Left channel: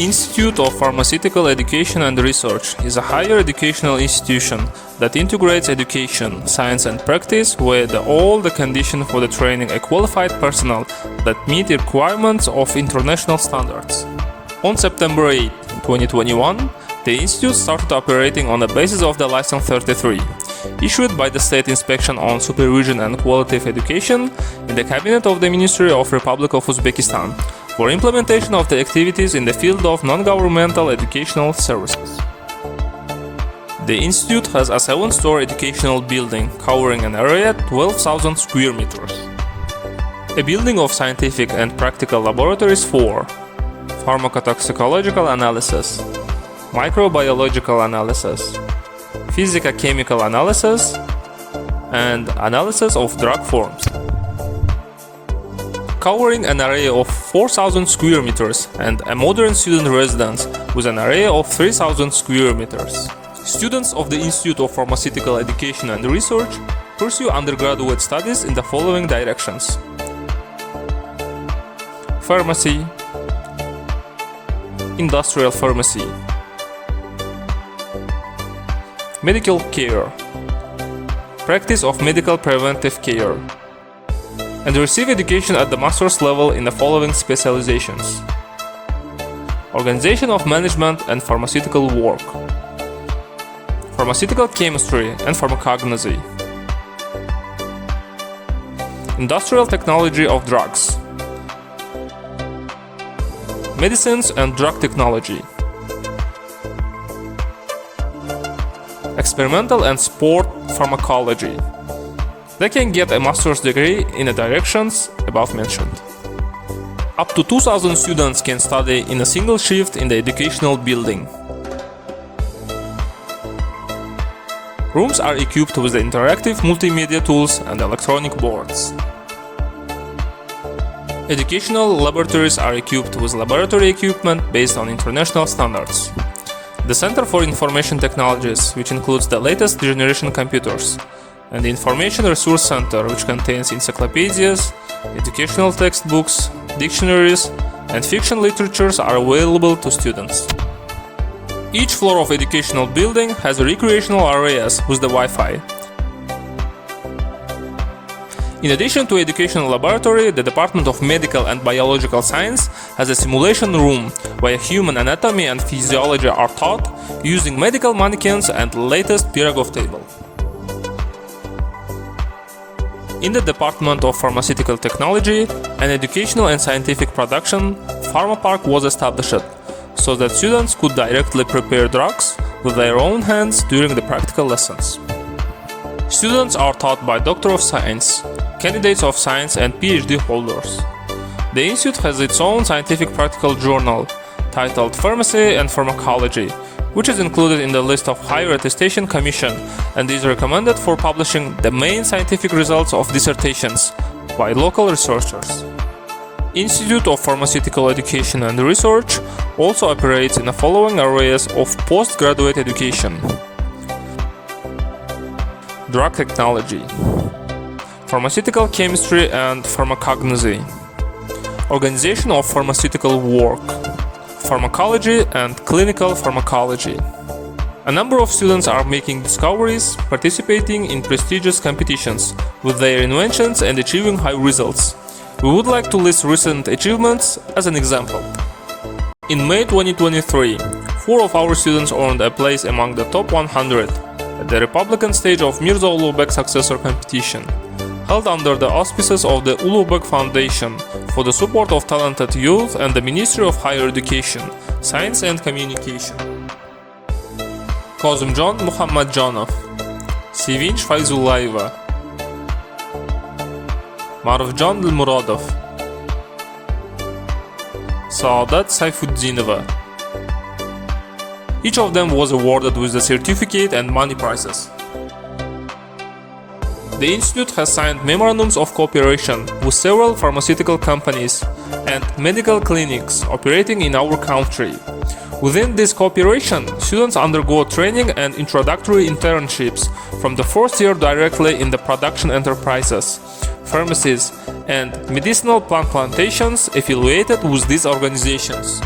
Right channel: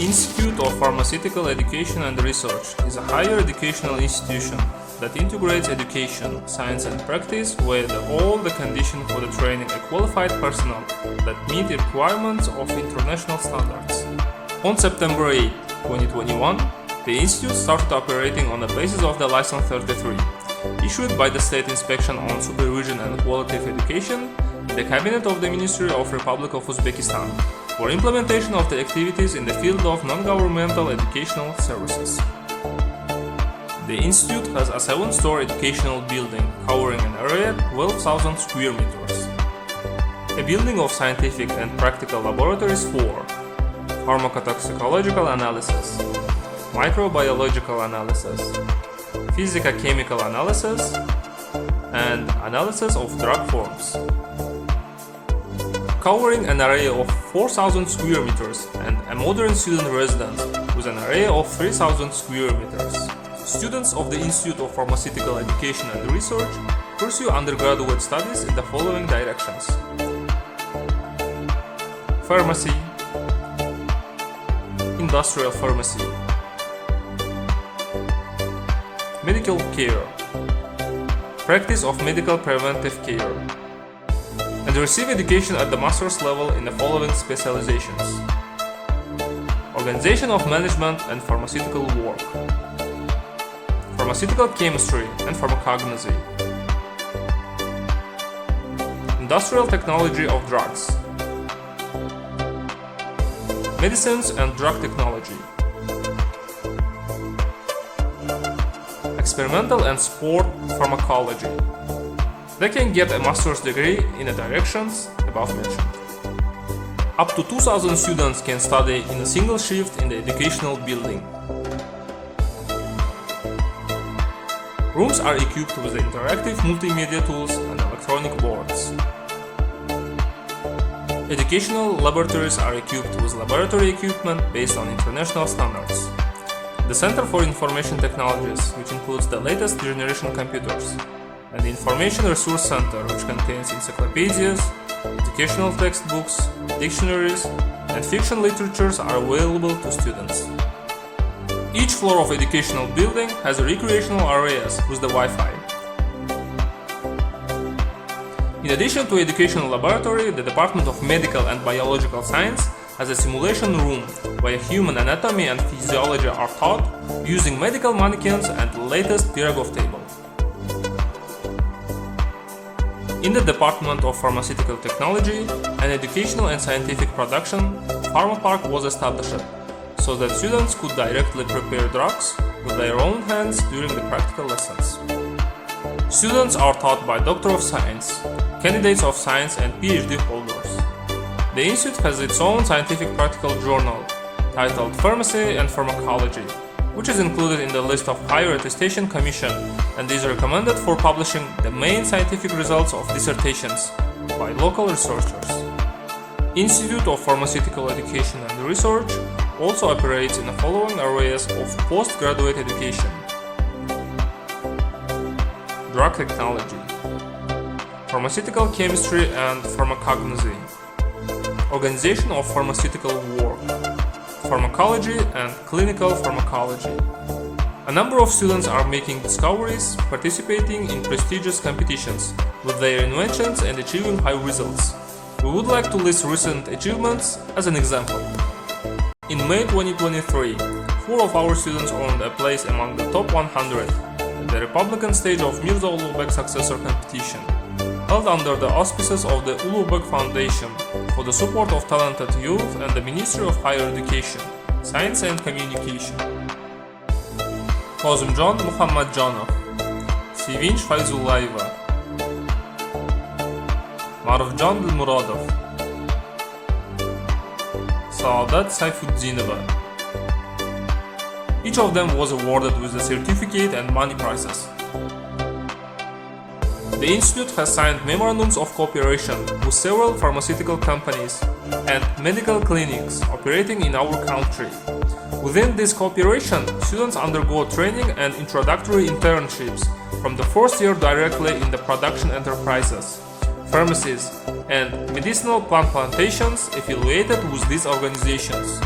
Institute of Pharmaceutical Education and Research is a higher educational institution that integrates education, science and practice with all the conditions for the training a qualified personnel that meet the requirements of international standards. On September 8, 2021, the institute started operating on the basis of the License 33, issued by the State Inspection on Supervision and Quality of Education in the Cabinet of the Ministry of Republic of Uzbekistan, for implementation of the activities in the field of non-governmental educational services. The institute has a 7-story educational building covering an area 12,000 square meters. A building of scientific and practical laboratories for pharmacotoxicological analysis, microbiological analysis, physico-chemical analysis, and analysis of drug forms. Covering an area of 4,000 square meters and a modern student residence with an area of 3,000 square meters. Students of the Institute of Pharmaceutical Education and Research pursue undergraduate studies in the following directions: Pharmacy, Industrial Pharmacy, Medical Care, Practice of Medical Preventive Care, and receive education at the master's level in the following specializations: Organization of Management and Pharmaceutical Work, Pharmaceutical Chemistry and Pharmacognosy, Industrial Technology of Drugs, Medicines and Drug Technology, Experimental and Sport Pharmacology. They can get a master's degree in the directions above mentioned. Up to 2,000 students can study in a single shift in the educational building. Rooms are equipped with interactive multimedia tools and electronic boards. Educational laboratories are equipped with laboratory equipment based on international standards. The Center for Information Technologies, which includes the latest generation computers, and the Information Resource Center, which contains encyclopedias, educational textbooks, dictionaries, and fiction literatures, are available to students. Each floor of educational building has recreational areas with the Wi-Fi. In addition to educational laboratory, the Department of Medical and Biological Science has a simulation room where human anatomy and physiology are taught using medical mannequins and the latest Pirogov table. In the Department of Pharmaceutical Technology, an educational and scientific production pharma park was established, so that students could directly prepare drugs with their own hands during the practical lessons. Students are taught by Doctor of Science, candidates of science and PhD holders. The institute has its own scientific practical journal titled Pharmacy and Pharmacology, which is included in the list of Higher Attestation Commission and is recommended for publishing the main scientific results of dissertations by local researchers. Institute of Pharmaceutical Education and Research also operates in the following areas of postgraduate education: Drug Technology, Pharmaceutical Chemistry and Pharmacognosy, Organization of Pharmaceutical Work, Pharmacology and Clinical Pharmacology. A number of students are making discoveries, participating in prestigious competitions with their inventions and achieving high results. We would like to list recent achievements as an example. In May 2023, 4 of our students earned a place among the top 100 at the Republican stage of Mirza Ulugh Successor Competition, held under the auspices of the Ulugh Foundation for the support of talented youth and the Ministry of Higher Education, Science and Communication. Kozumjon Muhammadjonov, Sevinch Fayzullayeva, Marufjon Dilmurodov, Saadat Sayfuddinova. Each of them was awarded with a certificate and money prizes. The institute has signed memorandums of cooperation with several pharmaceutical companies and medical clinics operating in our country. Within this cooperation, students undergo training and introductory internships from the first year directly in the production enterprises, pharmacies, and medicinal plant plantations affiliated with these organizations.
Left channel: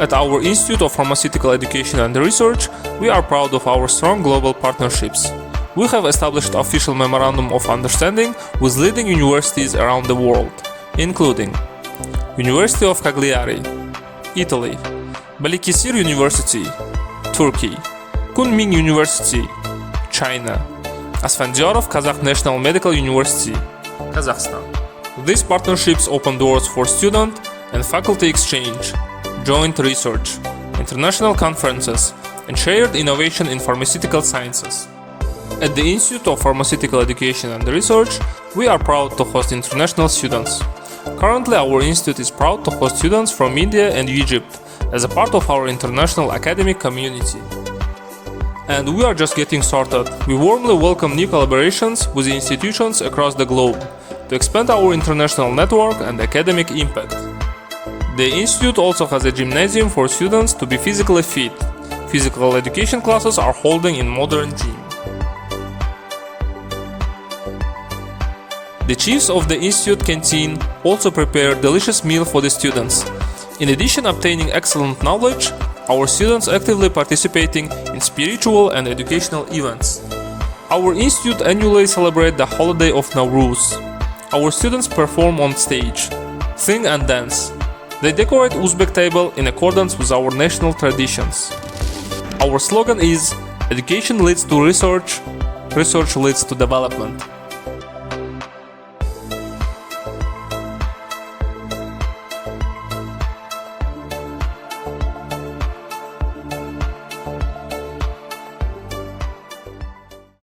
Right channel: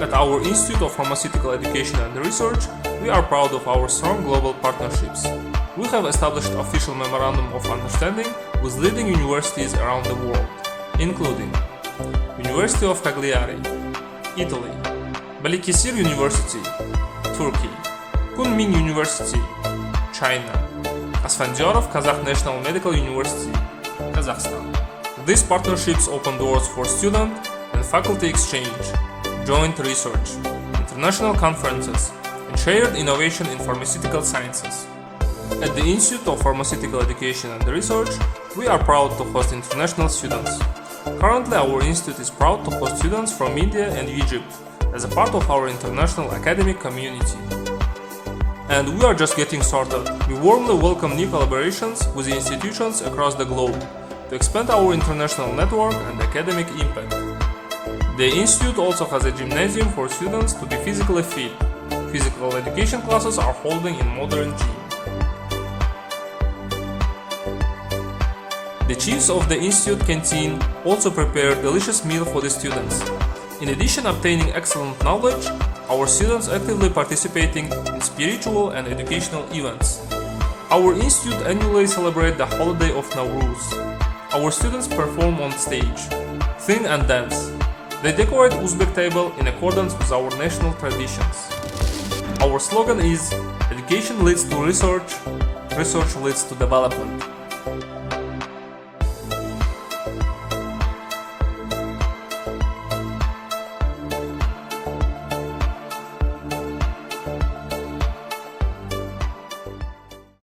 At our Institute of Pharmaceutical Education and Research, we are proud of our strong global partnerships. We have established official memorandum of understanding with leading universities around the world, including University of Cagliari, Italy, Balıkesir University, Turkey, Kunming University, China, Asfendiyarov Kazakh National Medical University, Kazakhstan. These partnerships open doors for student and faculty exchange, joint research, international conferences, and shared innovation in pharmaceutical sciences. At the Institute of Pharmaceutical Education and Research, we are proud to host international students. Currently, our institute is proud to host students from India and Egypt as a part of our international academic community. And we are just getting started. We warmly welcome new collaborations with institutions across the globe to expand our international network and academic impact. The institute also has a gymnasium for students to be physically fit. Physical education classes are holding in modern gym. The chiefs of the institute canteen also prepare delicious meal for the students. In addition obtaining excellent knowledge, our students actively participating in spiritual and educational events. Our institute annually celebrate the holiday of Nowruz. Our students perform on stage, sing and dance. They decorate Uzbek table in accordance with our national traditions. Our slogan is "Education leads to research, research leads to development."